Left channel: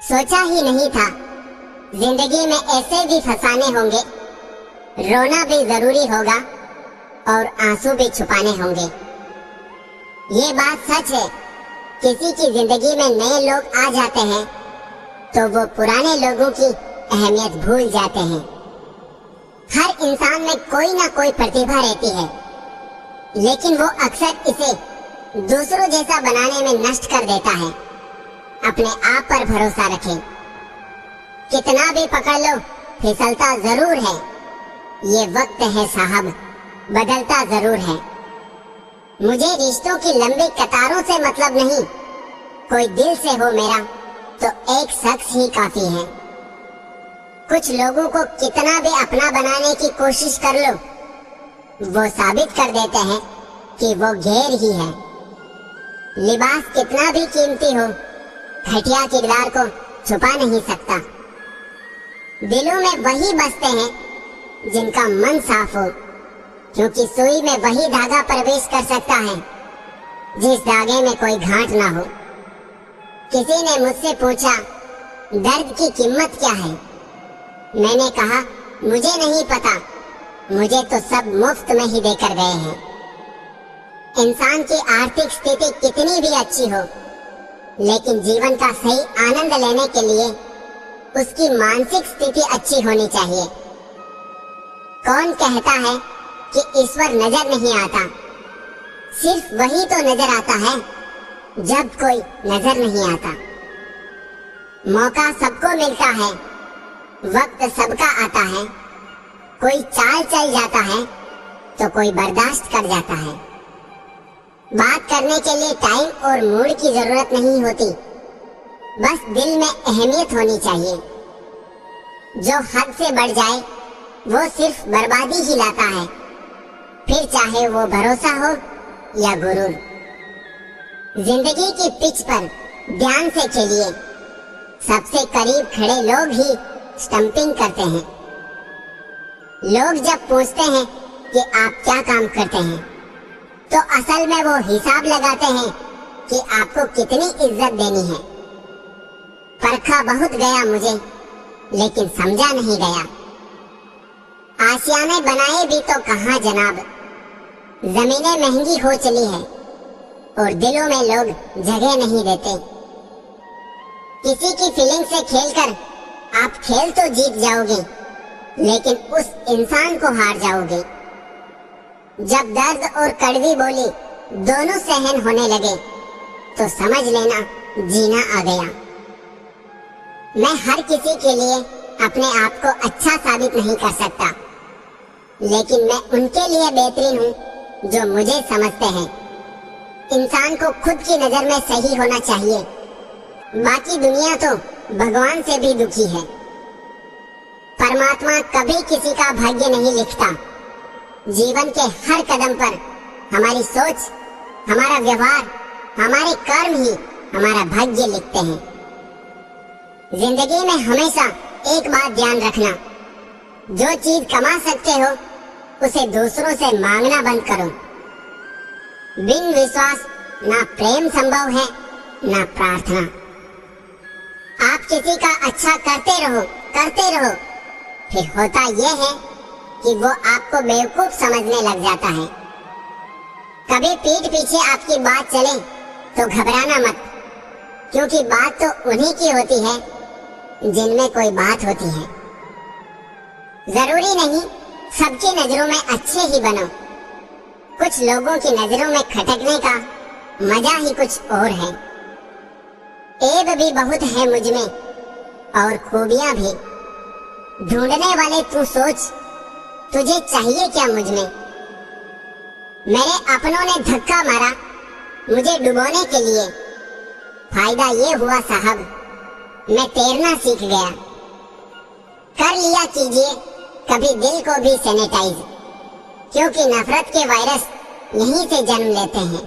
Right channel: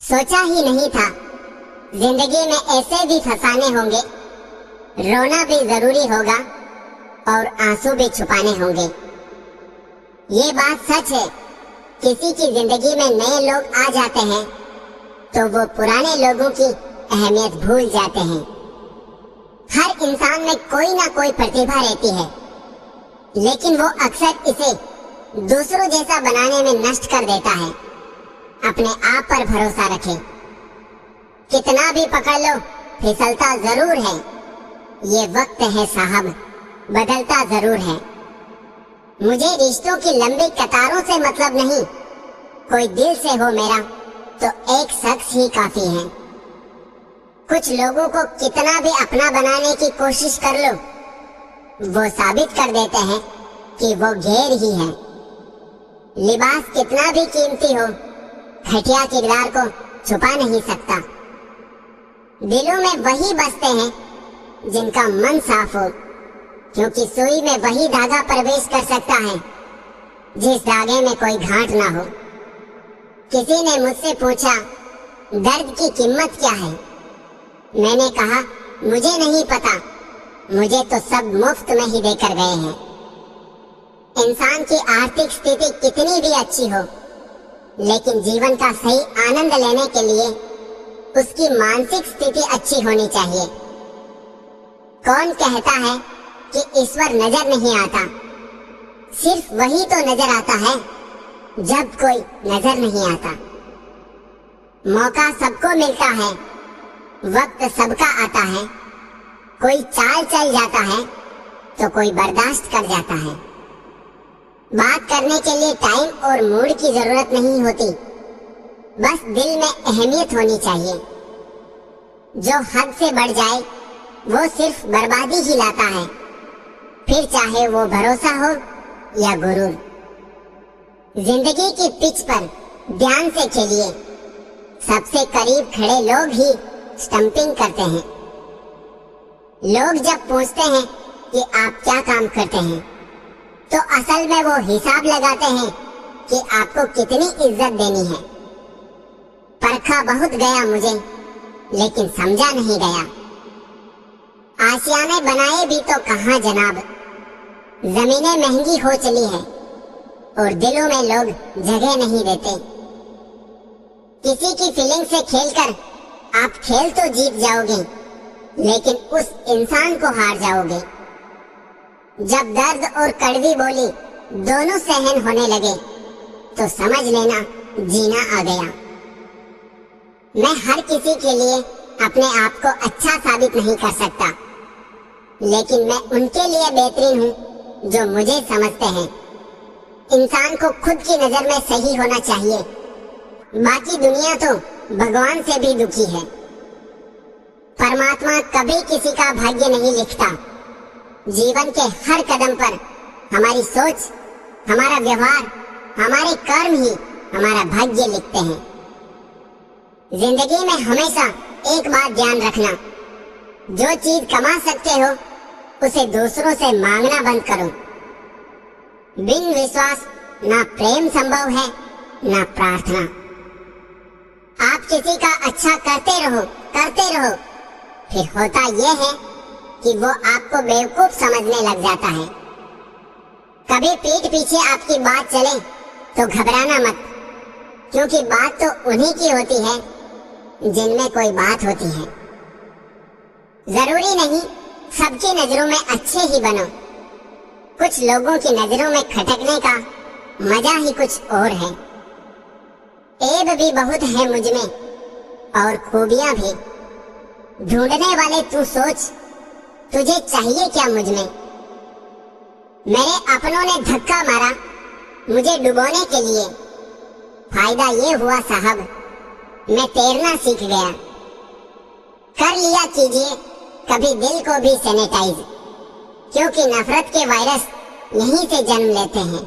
सोचा ही नहीं था जिंदगी में ऐसे भी फसाने होंगे, रोना भी जरूरी होगा और आंसू भी छुपाने होंगे। ये बात सच है, किसी की जिंदगी में नए लोग आ जाते हैं तो वो पुराने लोगों की अहमियत भूल जाते हैं। हर इंसान में कोई ना कोई प्रतिभा रहती है, लेकिन वो अक्सर इसे दूसरों जैसा बनाने में नष्ट कर देता है। अपने आप पर भरोसा रखें, कितना भी पकड़ लो फिसलता जरूर है। ये वक्त है साहब, बदलता जरूर है। मुझे रिश्तों की लंबी कतारों से मतलब नहीं, कोई दिल से हो मेरा तो एक शख्स ही काफी है। कुछ लोगों को कितना भी अपना बनाने की कोशिश कर लो, वो साबित कर देते हैं कि वो गैर ही है। लिबास कितना भी कीमती हो, घटिया किरदार को छुपा नहीं सकता। दिलों में वही बसते हैं जिनका मन साफ हो, क्योंकि सुई में वही धागा प्रवेश कर सकता है जिस धागे में कोई गांठ ना हो। किसी ने मुझसे पूछा दर्द की कीमत क्या है। मैंने कहा मुझे नहीं पता, मुझे तो सब मुफ्त में ही देकर गए हैं। इंसान की आर्थिक स्थिति कितनी भी अच्छी हो, लेकिन जीवन का सही आनंद लेने के लिए उसकी मानसिक स्थिति अच्छी होनी चाहिए। कौन कहता है कि ईश्वर नजर नहीं आता? सिर्फ वही तो नजर आता है जब कोई नजर नहीं आता। मौका सबको मिलता है, वक्त सबका आता है। कोई चाल चल जाता है तो कोई बर्दाश्त कर जाता है। बात करने के लिए टाइम और मूड की जरूरत नहीं होती, बस दिल में अहमियत होनी चाहिए। जो हद से बढ़ जाए वो सिर्फ बर्बादी ही लाता है, फिर चाहे वो भरोसा हो या गुरूर। जिंदगी की पिच पर ध्यान से खेलिए, सबसे करीब खड़े लोग ही स्टंपिंग करते हैं। लोग जब पूछते हैं कि आप क्या काम करते हैं, तो असल में वो हिसाब लगाते हैं कि आपको कितनी इज्जत देनी है। परखा बहुत गया मुझे, लेकिन समझा नहीं गया। आशियाने बनाए भी तो कहाँ जनाब, जमीनें महंगी हो चली है और दिलों में लोग जगह नहीं देते। किसी की फीलिंग से खेलकर आप खेल तो जीत जाओगे, लेकिन उस इंसान को हार जाओगे। जब दर्द और कड़वी बोली दोनों सहन होने लगे तो समझ लेना जीना आ गया। मैं हर किसी के लिए अपने आप को अच्छा साबित नहीं कर सकता, लेकिन मैं उनके लिए बेहतरीन हूँ जो मुझे समझते हैं। इंसान को खुद की नजर में सही होना चाहिए, बाकी दुनिया तो भगवान से भी दुखी है। परमात्मा कभी किसी का भाग्य नहीं लिखता। जीवन के हर कदम पर हमारी सोच, हमारा व्यवहार, हमारे कर्म ही हमारा भाग्य लिखते हैं। जिंदगी में हमेशा एक बात ध्यान रखना, जो चीज कमा सकते हो उसे दूसरों से मांगना बंद करो। बिन विश्वास ना प्रेम संभव है ना प्रार्थना। आप किसी का अच्छा करते रहो, फिर होता यह है कि वो आपको बेवकूफ समझने लग जाता है। कभी पीठ पीछे आपकी बात चले तो घबराना मत, क्योंकि बात तो उन्हीं की होती है जिनमें कोई बात होती है। जरूरी नहीं सबकी नजरों में अच्छे ही बनो, कुछ लोगों की नजरों में खटकने का मजा ही कुछ और है। ऐब भी बहुत है मुझ में और खूबियां भी। ढूंढने वाले तू सोच, तुझे चाहिए क्या मुझ में? मेरे अपनों ने धक्का मारा मुझे डुबोने के लिए। फायदा ये हुआ साहब, मैं तैरना सीख गया। कर लिया कीजिए कभी दिल को भी सैनिटाइज, क्योंकि नफरत के वायरस यहीं से जन्म लेते हैं।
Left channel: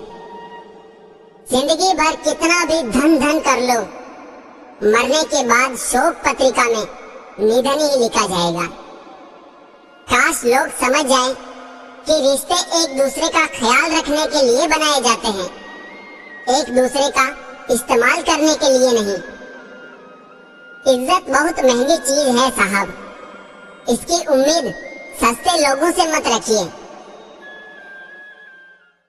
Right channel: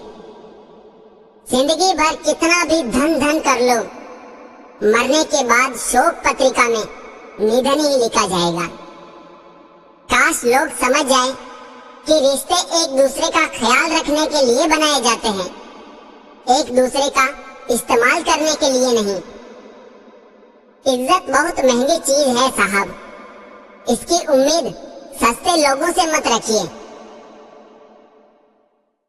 जिंदगी भर कितना भी धन कर लो, मरने के बाद शोक पत्रिका में निधन ही लिखा जाएगा। काश लोग समझ जाए कि रिश्ते एक दूसरे का ख्याल रखने के लिए बनाए जाते हैं, एक दूसरे का इस्तेमाल करने के लिए नहीं। इज्जत बहुत महंगी चीज है साहब। इसकी उम्मीद सस्ते लोगों से मत रखिए।